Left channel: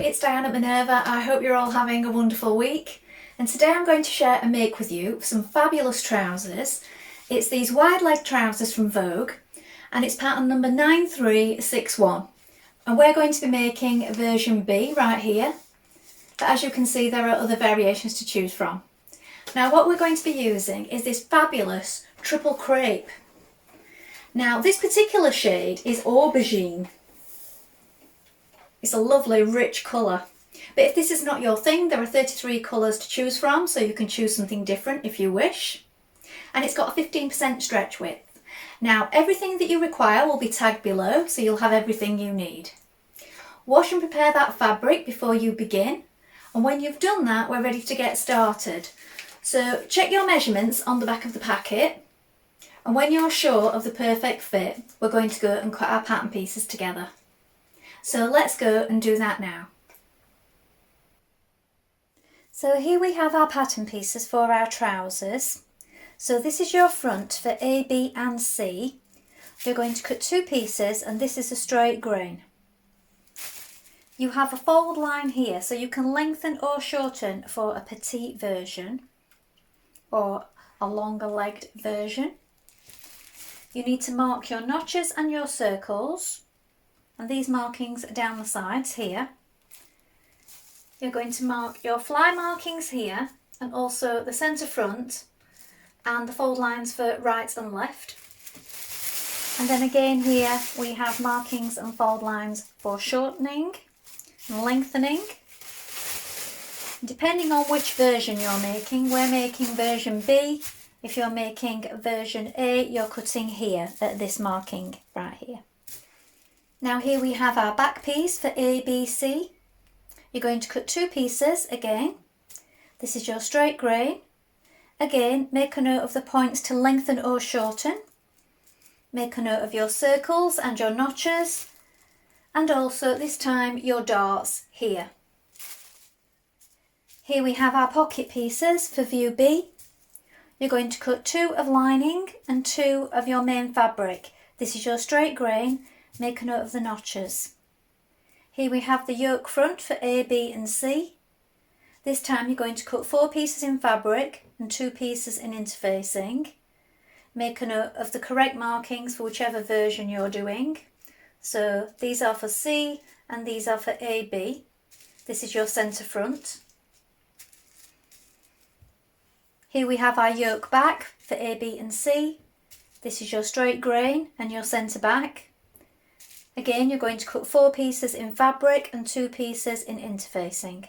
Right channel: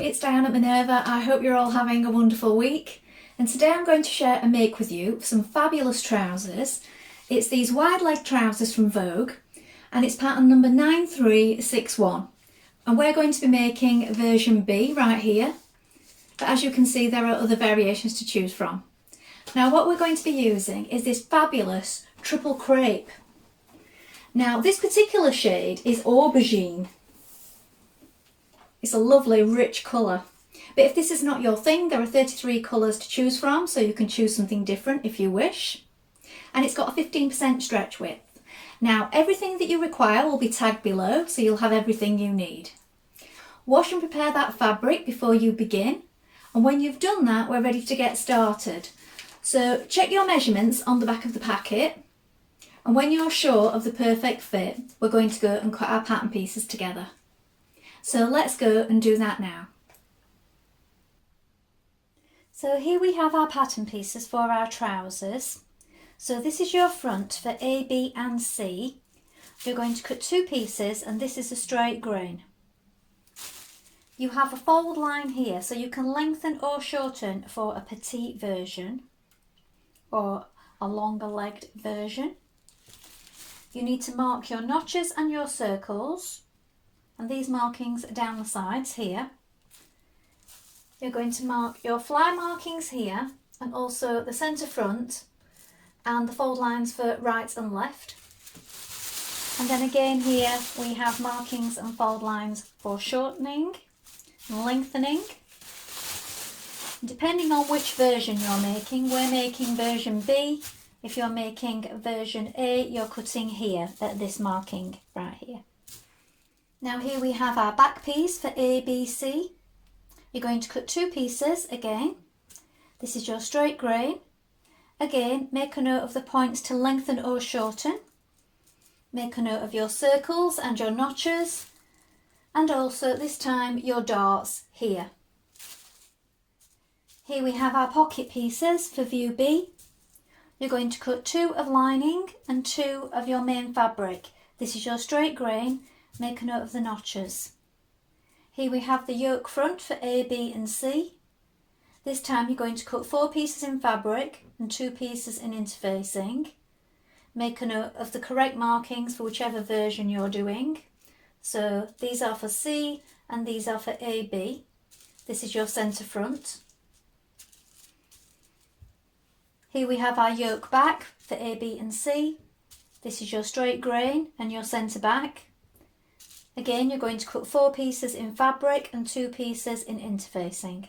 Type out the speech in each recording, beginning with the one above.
it's Dianne at Minerva. I hope you're all having a wonderful week. And today I'm going to share and make with you some fabulous trousers. It's these wide leg trousers from Vogue and it's pattern number 9361. And we're going to be making version B right here. But as you can see, there are other variations to choose from. Now what we're going to be using is this fabulous triple crepe. Now this particular shade is aubergine. It's a lovely rich colour. But if this is not your thing, there are 33 colours to choose from, so you can choose something different if you wish. And it's got a 15% stretch width. Now everything that you require will be tagged below, so you'll have everything you need. Wash and prepare that fabric before you begin. And when you've done that, we're ready to get started. So check your measurements on the back of the packet. And when you're sure of the perfect fit, we're going to go and cut our pattern pieces together. So let's go and do that now. So here we have our pattern pieces for our trousers. So this is your front for A, B and C. You're going to cut two pieces and this is a straight grain. You have a fold line here, so you can lengthen or shorten for a petite version or a longer legged version. You need to mark your notches and your circles. And these markings down the sides here. You're going to mark your fly markings here and also the centre front and the fold lines for right and left. And then again here we have markings and fold lines for shortening and lengthening. Depending on which version you're making, we're making version B. If you're making version A, you're cutting here at this marking right here. Now here we have our back piece for A, B, C. You're going to cut two pieces again. This is your straight grain. Again, make a note of the points to lengthen or shorten. Make a note of your circles and your notches. And also this time your darts here. Here we have our pocket pieces for view B. You're going to cut two of lining and two of your main fabric. This is your straight grain. Make a note of the notches. Here we have the yoke front for A, B and C. This time you're going to cut four pieces in fabric and two pieces in interfacing. Make a note of the correct markings for whichever version you're doing. So these are for C and these are for A, B. This is your centre front. Here we have our yoke back for A, B and C. This is your straight grain and your centre back. Again, you're going to cut four pieces in fabric and two pieces in interfacing.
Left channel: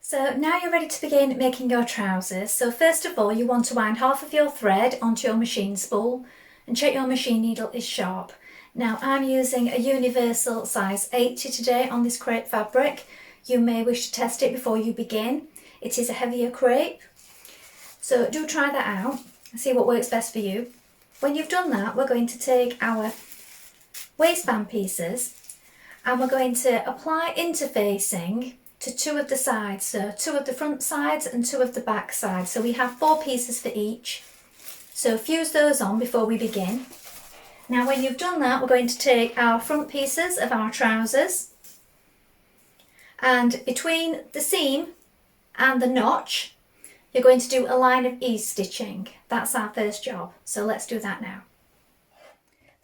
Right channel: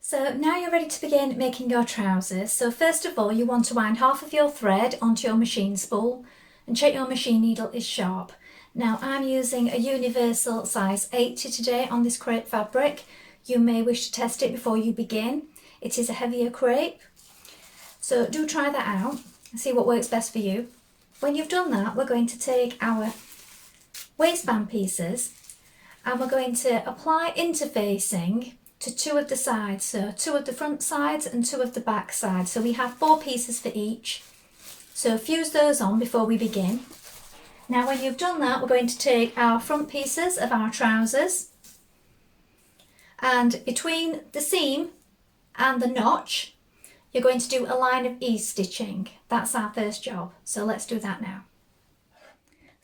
So now you're ready to begin making your trousers. So first of all, you want to wind half of your thread onto your machine spool and check your machine needle is sharp. Now I'm using a universal size 80 today on this crepe fabric. You may wish to test it before you begin. It is a heavier crepe. So do try that out and see what works best for you. When you've done that, we're going to take our waistband pieces and we're going to apply interfacing to two of the sides, so two of the front sides and two of the back sides. So we have four pieces for each, so fuse those on before we begin. Now when you've done that, we're going to take our front pieces of our trousers and between the seam and the notch you're going to do a line of ease stitching. That's our first job, so let's do that now.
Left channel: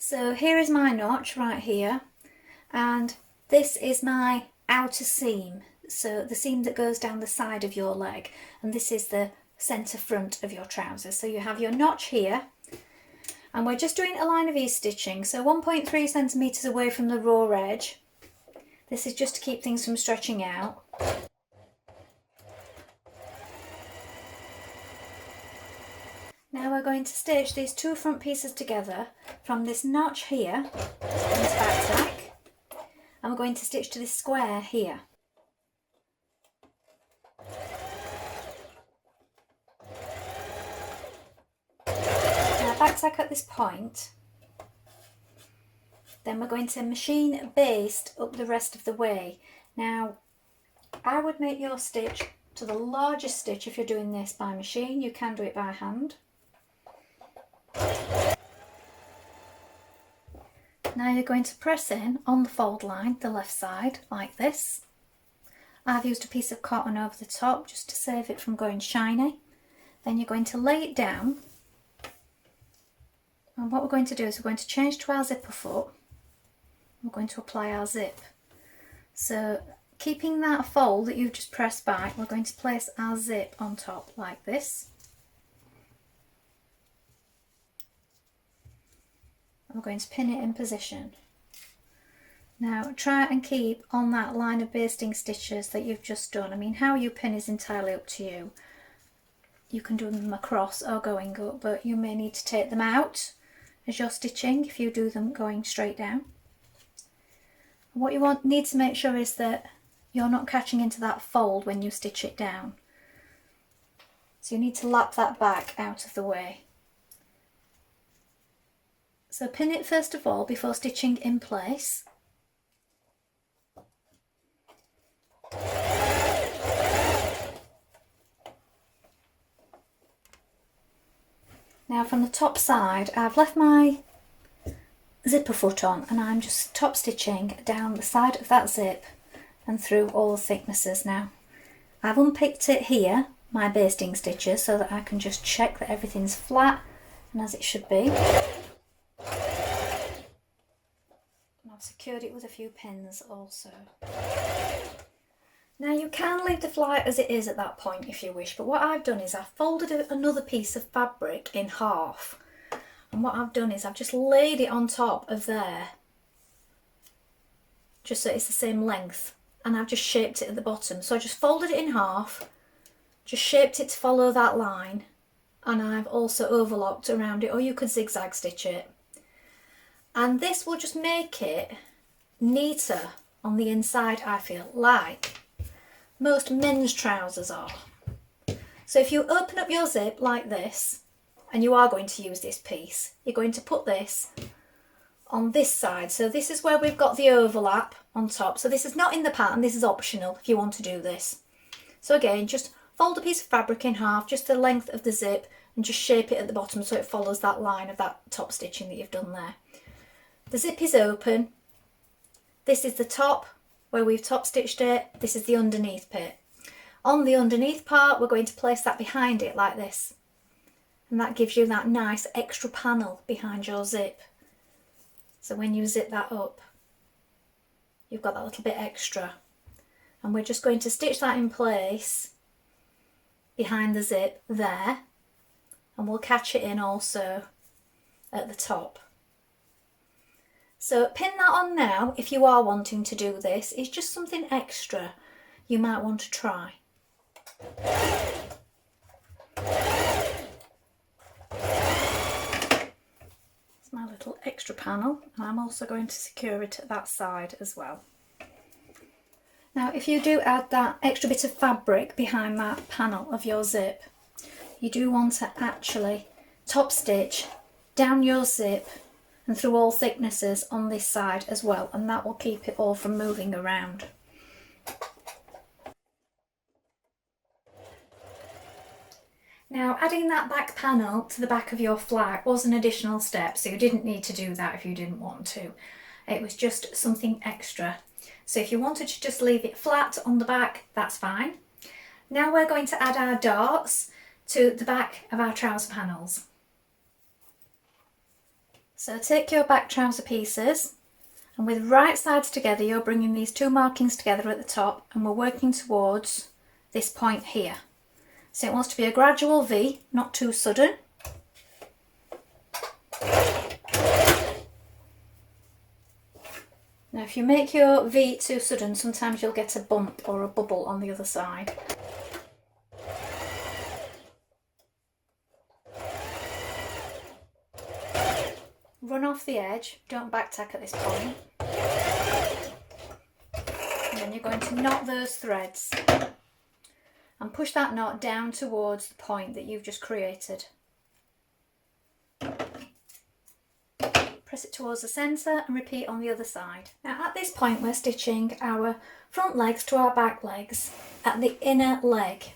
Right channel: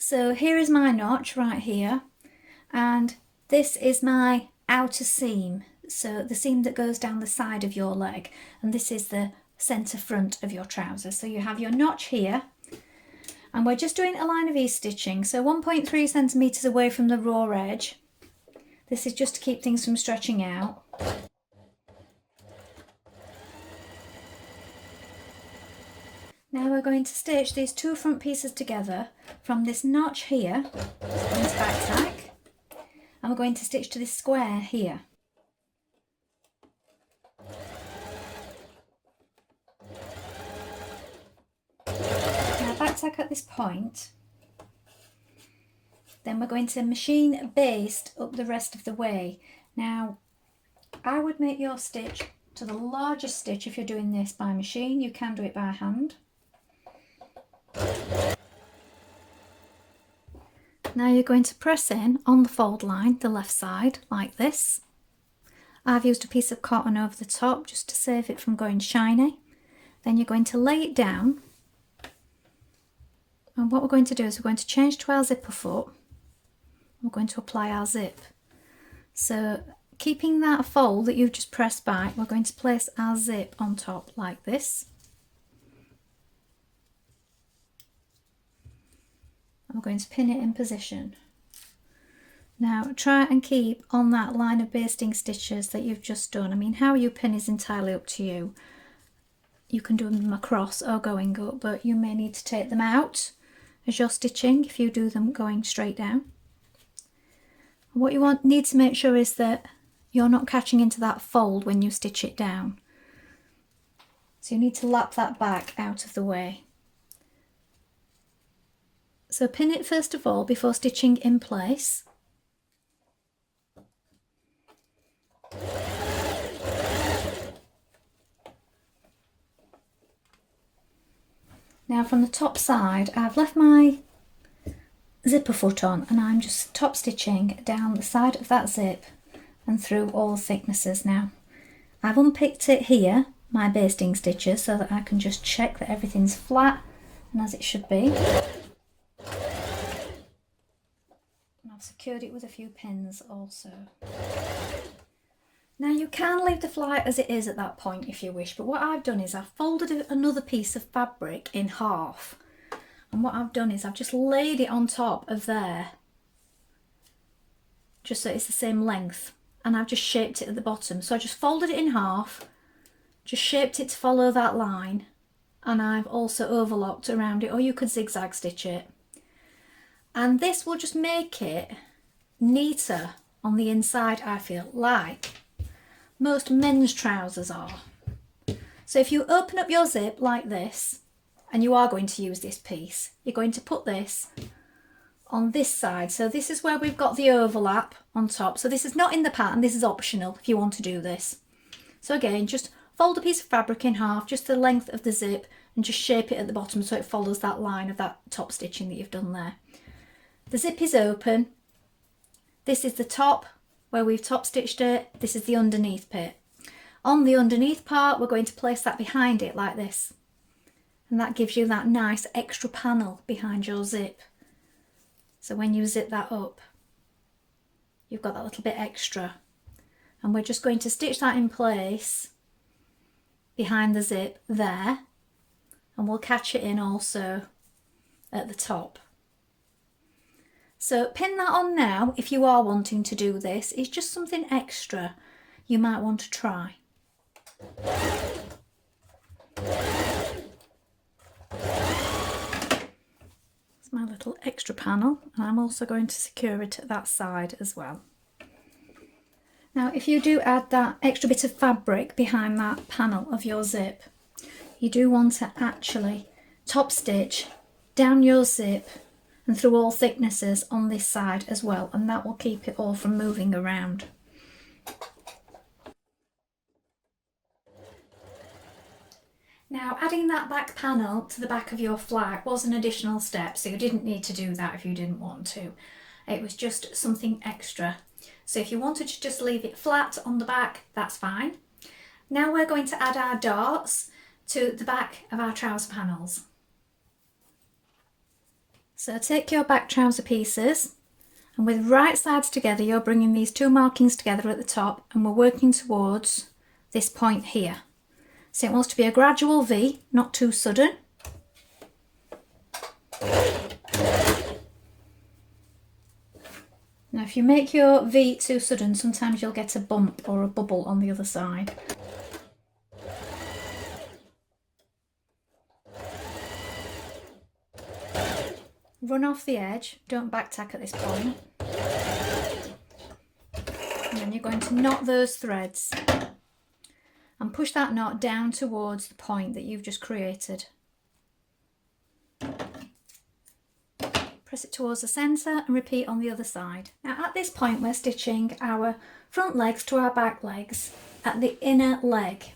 So here is my notch right here, and this is my outer seam, so the seam that goes down the side of your leg, and this is the centre front of your trousers. So you have your notch here, and we're just doing a line of ease stitching, so 1.3 centimetres away from the raw edge. This is just to keep things from stretching out. Now we're going to stitch these two front pieces together from this notch here, this back tack, and we're going to stitch to this square here. Now back tack at this point, then we're going to machine baste up the rest of the way. Now I would make your stitch to the largest stitch if you're doing this by machine. You can do it by hand. Now you're going to press in on the fold line, the left side, like this. I've used a piece of cotton over the top just to save it from going shiny. Then you're going to lay it down. And what we're going to do is we're going to change to our zipper foot. We're going to apply our zip. So keeping that fold that you've just pressed back, we're going to place our zip on top like this. And we're going to pin it in position. Now try and keep on that line of basting stitches that you've just done. I mean, how you pin is entirely up to you. You can do them across or going up, but you may need to take them out as you're stitching if you do them going straight down. What you need to make sure is that you're not catching into that fold when you stitch it down. So you need to lap that back out of the way. So pin it first of all before stitching in place. Now from the top side, I've left my zipper foot on and I'm just top stitching down the side of that zip and through all thicknesses now. I've unpicked it here, my basting stitches, so that I can just check that everything's flat and as it should be. And I've secured it with a few pins also. Now you can leave the fly as it is at that point if you wish, but what I've done is I've folded another piece of fabric in half. And what I've done is I've just laid it on top of there, just so it's the same length. And I've just shaped it at the bottom. So I just folded it in half, just shaped it to follow that line. And I've also overlocked around it, or you could zigzag stitch it. And this will just make it neater on the inside, I feel, like most men's trousers are. So if you open up your zip like this, and you are going to use this piece, you're going to put this on this side. So this is where we've got the overlap on top. So this is not in the pattern, this is optional if you want to do this. So again, just fold a piece of fabric in half, just the length of the zip, and just shape it at the bottom so it follows that line of that top stitching that you've done there. The zip is open. This is the top where we've top stitched it. This is the underneath bit. On the underneath part, we're going to place that behind it like this. And that gives you that nice extra panel behind your zip. So when you zip that up, you've got that little bit extra. And we're just going to stitch that in place behind the zip there. And we'll catch it in also at the top. So pin that on now if you are wanting to do this. It's just something extra you might want to try. My little extra panel, and I'm also going to secure it at that side as well. Now if you do add that extra bit of fabric behind that panel of your zip, you do want to actually top stitch down your zip and through all thicknesses on this side as well, and that will keep it all from moving around. Now adding that back panel to the back of your flag was an additional step, so you didn't need to do that if you didn't want to. It was just something extra. So if you wanted to just leave it flat on the back, that's fine. Now we're going to add our darts to the back of our trouser panels. So take your back trouser pieces, and with right sides together you're bringing these two markings together at the top, and we're working towards this point here. So it wants to be a gradual V, not too sudden. Now if you make your V too sudden, sometimes you'll get a bump or a bubble on the other side. Run off the edge, don't back tack at this point. And then you're going to knot those threads. And push that knot down towards the point that you've just created. Press it towards the centre and repeat on the other side. Now at this point we're stitching our front legs to our back legs at the inner leg.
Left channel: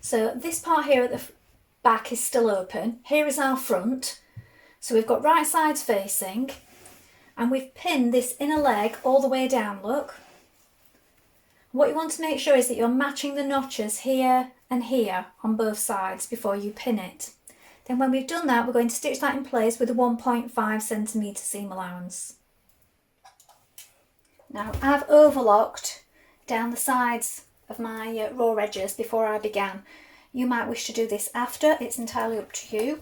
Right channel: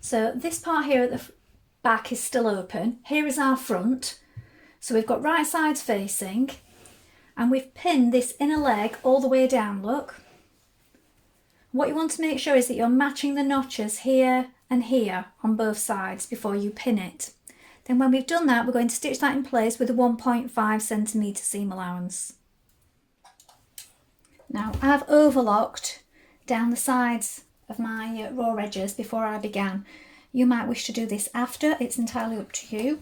So this part here at the back is still open. Here is our front. So we've got right sides facing, and we've pinned this inner leg all the way down, look. What you want to make sure is that you're matching the notches here and here on both sides before you pin it. Then when we've done that, we're going to stitch that in place with a 1.5 centimetre seam allowance. Now I've overlocked down the sides of my raw edges before I began. You might wish to do this after, it's entirely up to you.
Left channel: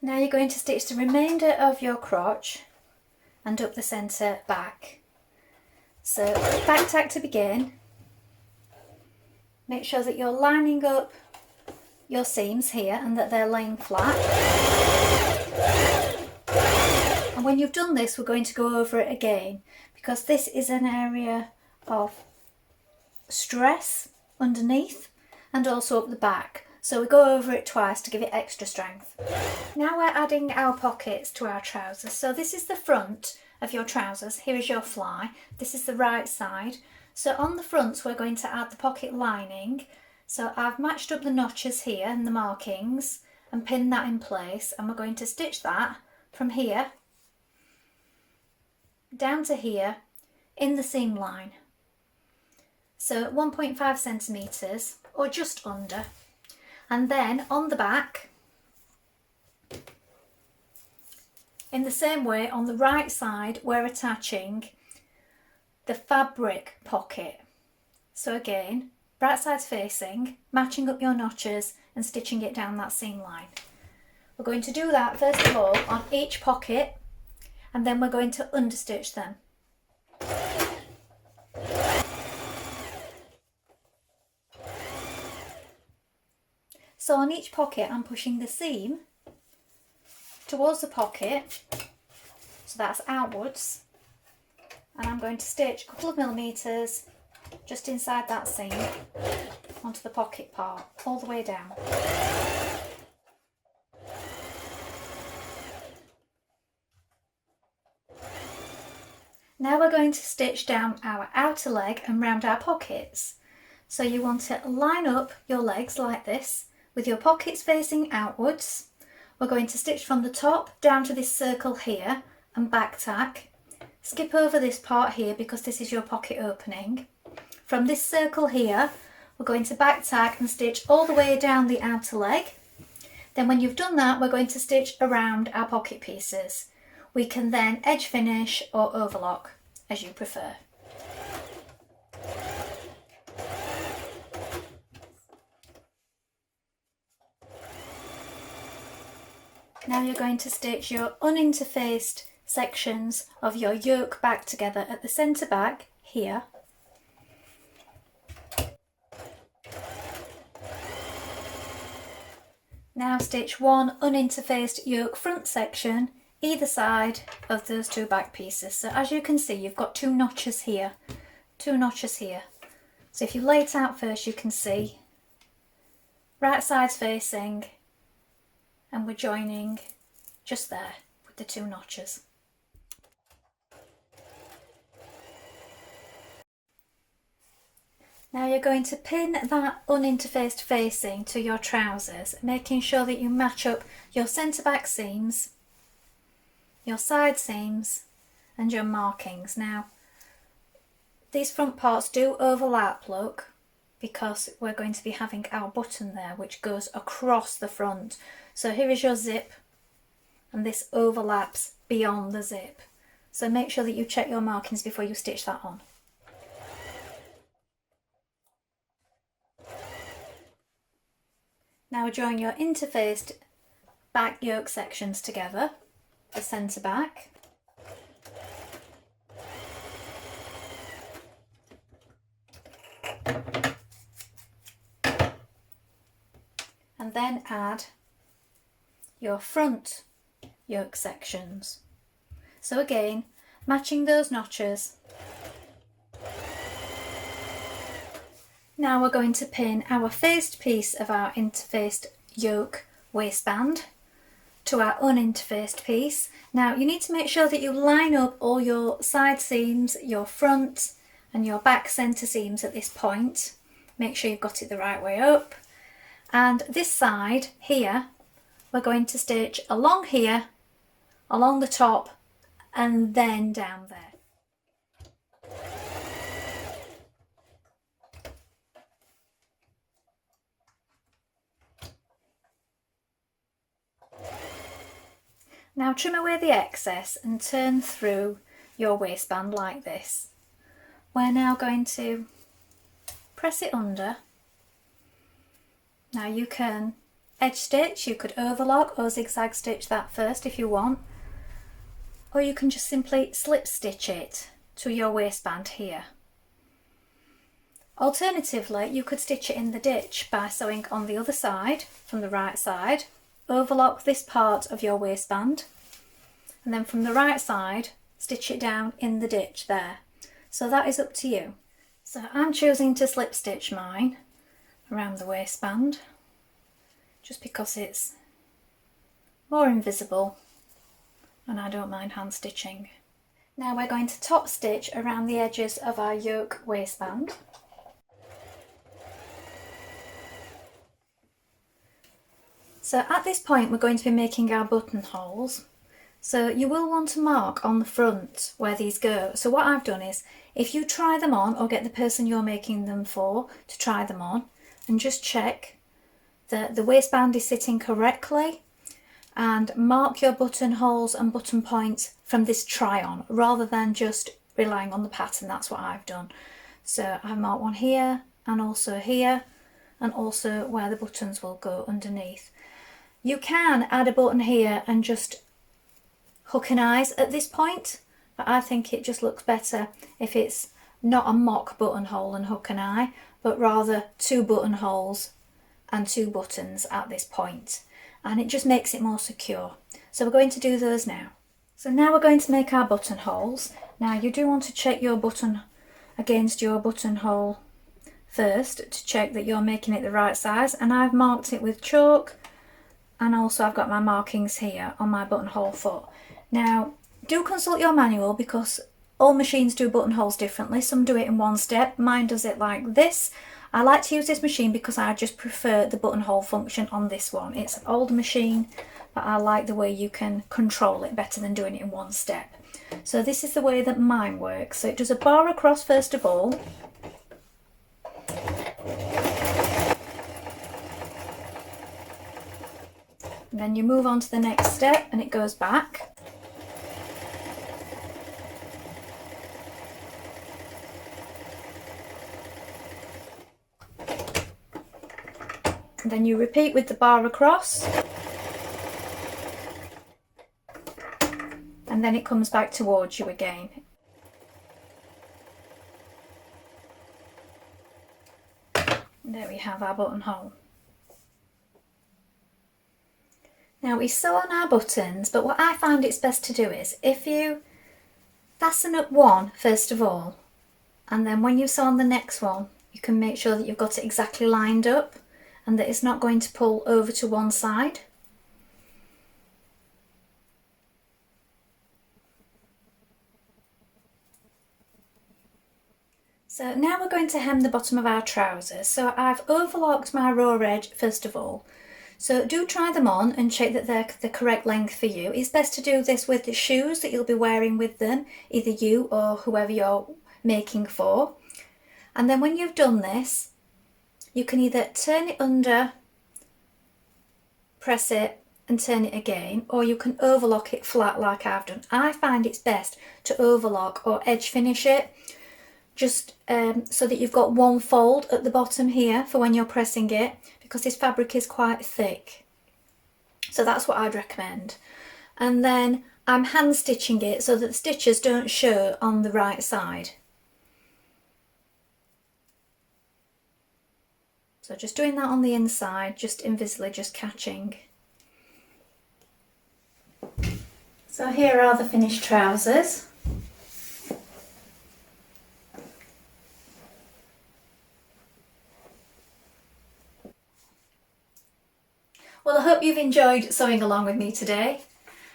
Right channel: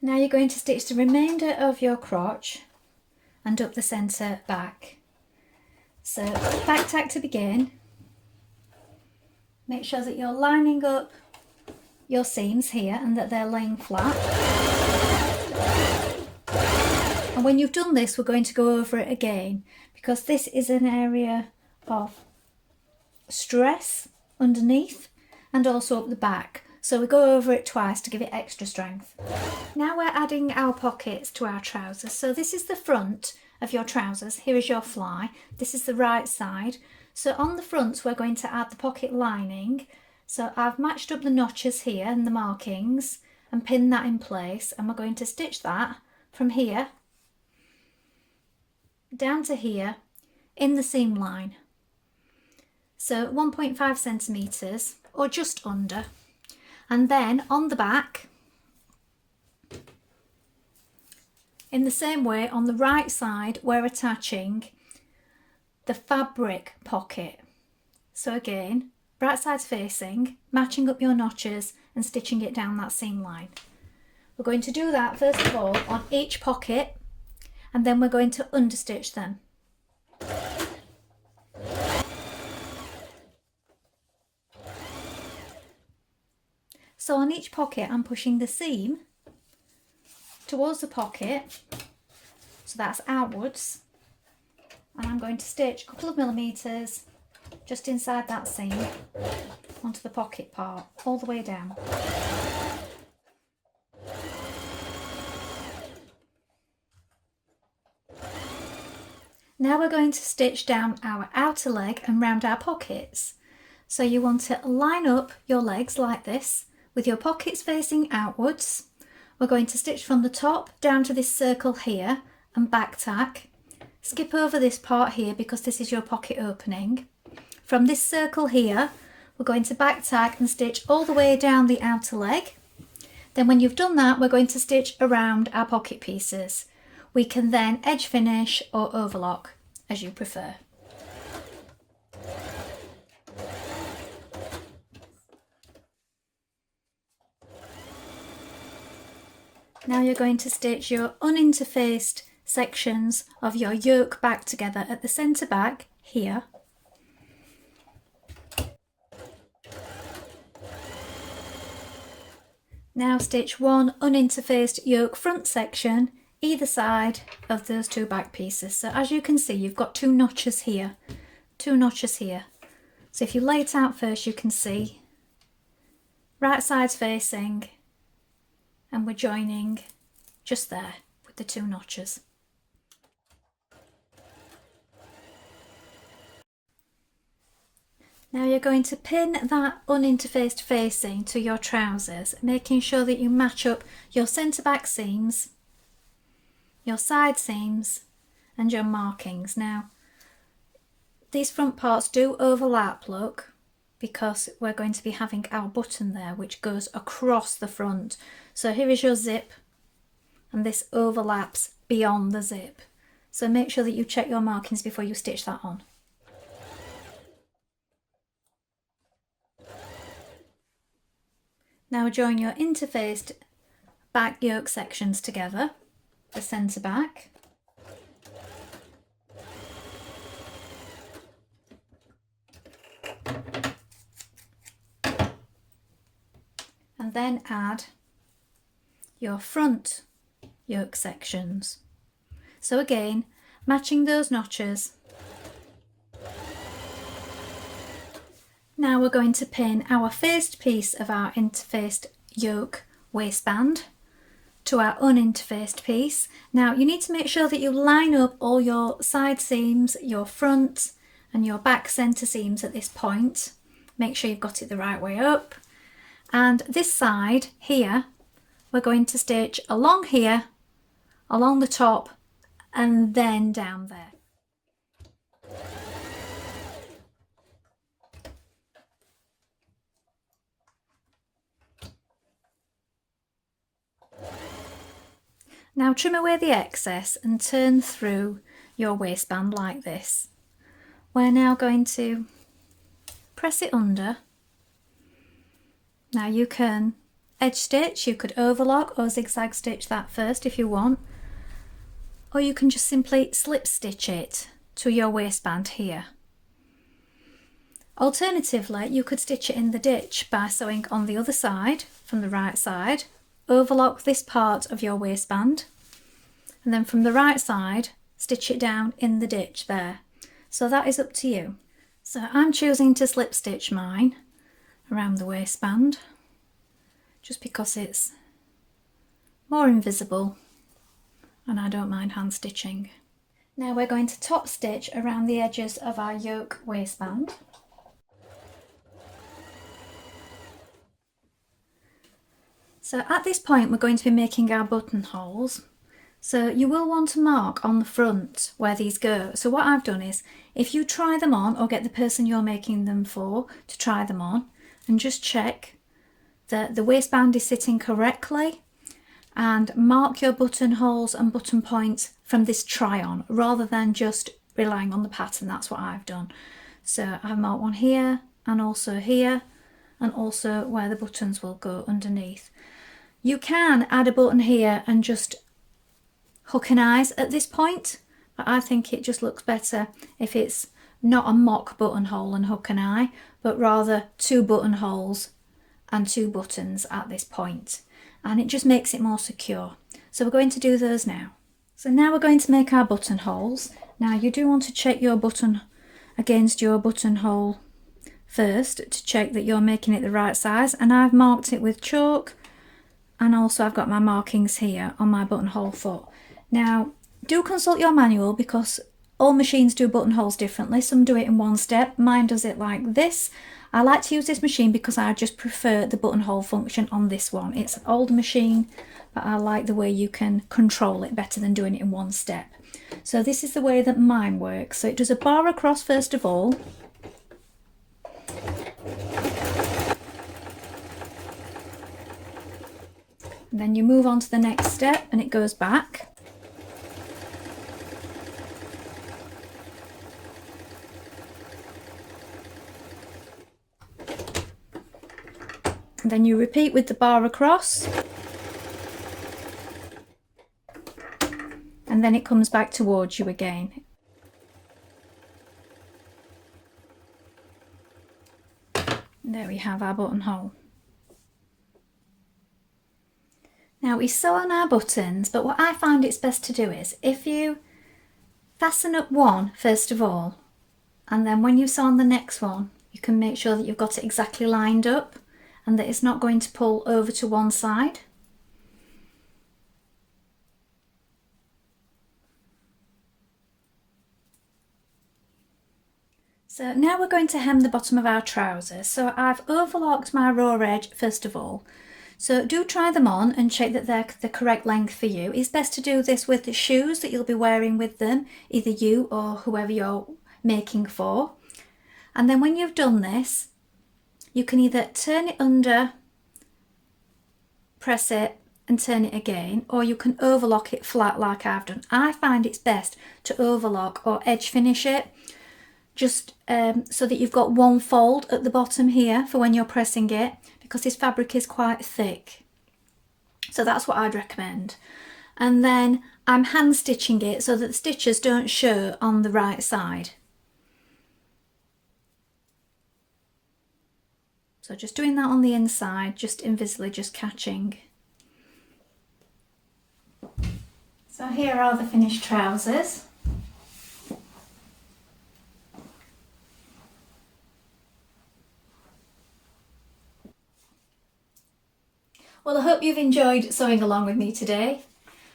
Now you're going to stitch the remainder of your crotch and up the centre back. So back tack to begin. Make sure that you're lining up your seams here and that they're laying flat. And when you've done this, we're going to go over it again because this is an area of stress underneath and also up the back. So we go over it twice to give it extra strength. Now we're adding our pockets to our trousers. So this is the front of your trousers. Here is your fly. This is the right side. So on the fronts we're going to add the pocket lining. So I've matched up the notches here and the markings and pinned that in place, and we're going to stitch that from here down to here in the seam line. So 1.5 centimetres or just under. And then on the back, in the same way, on the right side, we're attaching the fabric pocket. So again, right sides facing, matching up your notches and stitching it down that seam line. We're going to do that first of all on each pocket, and then we're going to understitch them. So on each pocket I'm pushing the seam towards the pocket, so that's outwards, and I'm going to stitch a couple of millimetres just inside that seam onto the pocket part, all the way down. Now we're going to stitch down our outer leg and round our pockets. So you want to line up your legs like this, with your pockets facing outwards. We're going to stitch from the top down to this circle here and back tack. Skip over this part here because this is your pocket opening. From this circle here, we're going to back tack and stitch all the way down the outer leg. Then when you've done that, we're going to stitch around our pocket pieces. We can then edge finish or overlock, as you prefer. Now you're going to stitch your uninterfaced sections of your yoke back together at the centre back here. Now stitch one uninterfaced yoke front section either side of those two back pieces. So as you can see, you've got two notches here. So if you lay it out first, you can see right sides facing, and we're joining just there with the two notches. Now you're going to pin that uninterfaced facing to your trousers, making sure that you match up your centre back seams, your side seams and your markings. Now these front parts do overlap, look, because we're going to be having our button there which goes across the front. So here is your zip and this overlaps beyond the zip. So make sure that you check your markings before you stitch that on. Now join your interfaced back yoke sections together, the centre back. And then add your front yoke sections. So again, matching those notches. Now we're going to pin our faced piece of our interfaced yoke waistband to our uninterfaced piece. Now you need to make sure that you line up all your side seams, your front and your back centre seams at this point. Make sure you've got it the right way up. And this side here, we're going to stitch along here, along the top, and then down there. Now trim away the excess and turn through your waistband like this. We're now going to press it under. Now you can edge stitch, you could overlock or zigzag stitch that first if you want, or you can just simply slip stitch it to your waistband here. Alternatively, you could stitch it in the ditch by sewing on the other side from the right side, overlock this part of your waistband, and then from the right side stitch it down in the ditch there. So that is up to you. So I'm choosing to slip stitch mine around the waistband just because it's more invisible and I don't mind hand stitching. Now we're going to top stitch around the edges of our yoke waistband. So at this point we're going to be making our buttonholes. So you will want to mark on the front where these go. So what I've done is, if you try them on or get the person you're making them for to try them on and just check that the waistband is sitting correctly, and mark your buttonholes and button points from this try on rather than just relying on the pattern. That's what I've done. So I've marked one here and also here and also where the buttons will go underneath. You can add a button here and just hook and eyes at this point, but I think it just looks better if it's not a mock buttonhole and hook and eye, but rather 2 buttonholes and 2 buttons at this point, and it just makes it more secure. So we're going to do those now. So now we're going to make our buttonholes. Now you do want to check your button against your buttonhole first to check that you're making it the right size, and I've marked it with chalk, and also I've got my markings here on my buttonhole foot. Now do consult your manual because all machines do buttonholes differently. Some do it in one step, mine does it like this. I like to use this machine because I just prefer the buttonhole function on this one. It's an old machine, but I like the way you can control it better than doing it in one step. So this is the way that mine works. So it does a bar across first of all. And then you move on to the next step and it goes back. And then you repeat with the bar across. And then it comes back towards you again. And there we have our buttonhole. Now we sew on our buttons, but what I find it's best to do is, if you fasten up one first of all, and then when you sew on the next one, you can make sure that you've got it exactly lined up and that it's not going to pull over to one side. So now we're going to hem the bottom of our trousers. So I've overlocked my raw edge first of all. So do try them on and check that they're the correct length for you. It's best to do this with the shoes that you'll be wearing with them, either you or whoever you're making for. And then when you've done this, you can either turn it under, press it and turn it again, or you can overlock it flat like I've done. I find it's best to overlock or edge finish it, just so that you've got one fold at the bottom here for when you're pressing it, because this fabric is quite thick. So that's what I'd recommend. And then I'm hand stitching it so that the stitches don't show on the right side. So just doing that on the inside, just invisibly just catching. So here are the finished trousers. Well, I hope you've enjoyed sewing along with me today.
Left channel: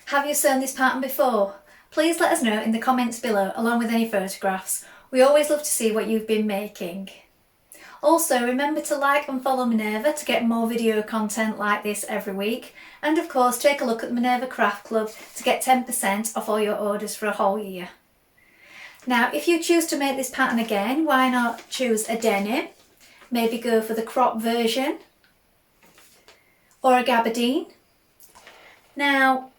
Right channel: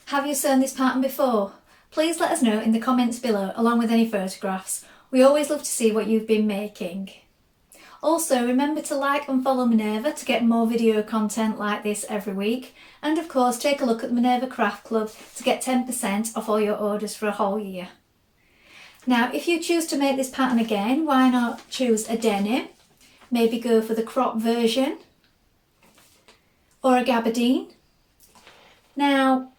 Have you sewn this pattern before? Please let us know in the comments below, along with any photographs. We always love to see what you've been making. Also, remember to like and follow Minerva to get more video content like this every week. And of course, take a look at the Minerva Craft Club to get 10% off all your orders for a whole year. Now, if you choose to make this pattern again, why not choose a denim? Maybe go for the crop version or a gabardine. Now,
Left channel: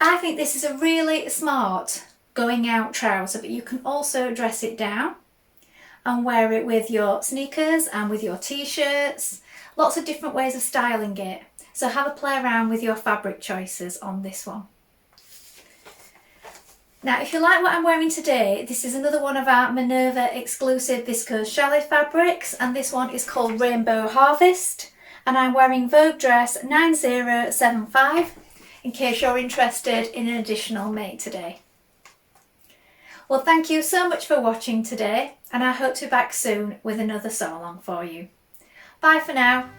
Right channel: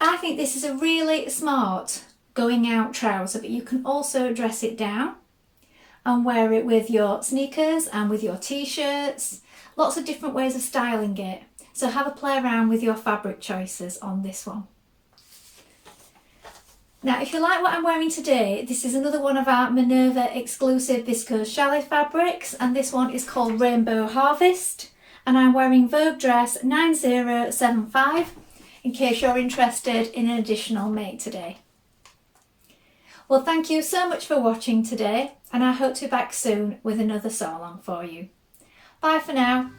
I think this is a really smart going out trouser, but you can also dress it down and wear it with your sneakers and with your t-shirts. Lots of different ways of styling it. So have a play around with your fabric choices on this one. Now, if you like what I'm wearing today, this is another one of our Minerva exclusive viscose chalet fabrics, and this one is called Rainbow Harvest, and I'm wearing Vogue dress 9075 in case you're interested in an additional make today. Well, thank you so much for watching today, and I hope to be back soon with another sew along for you. Bye for now.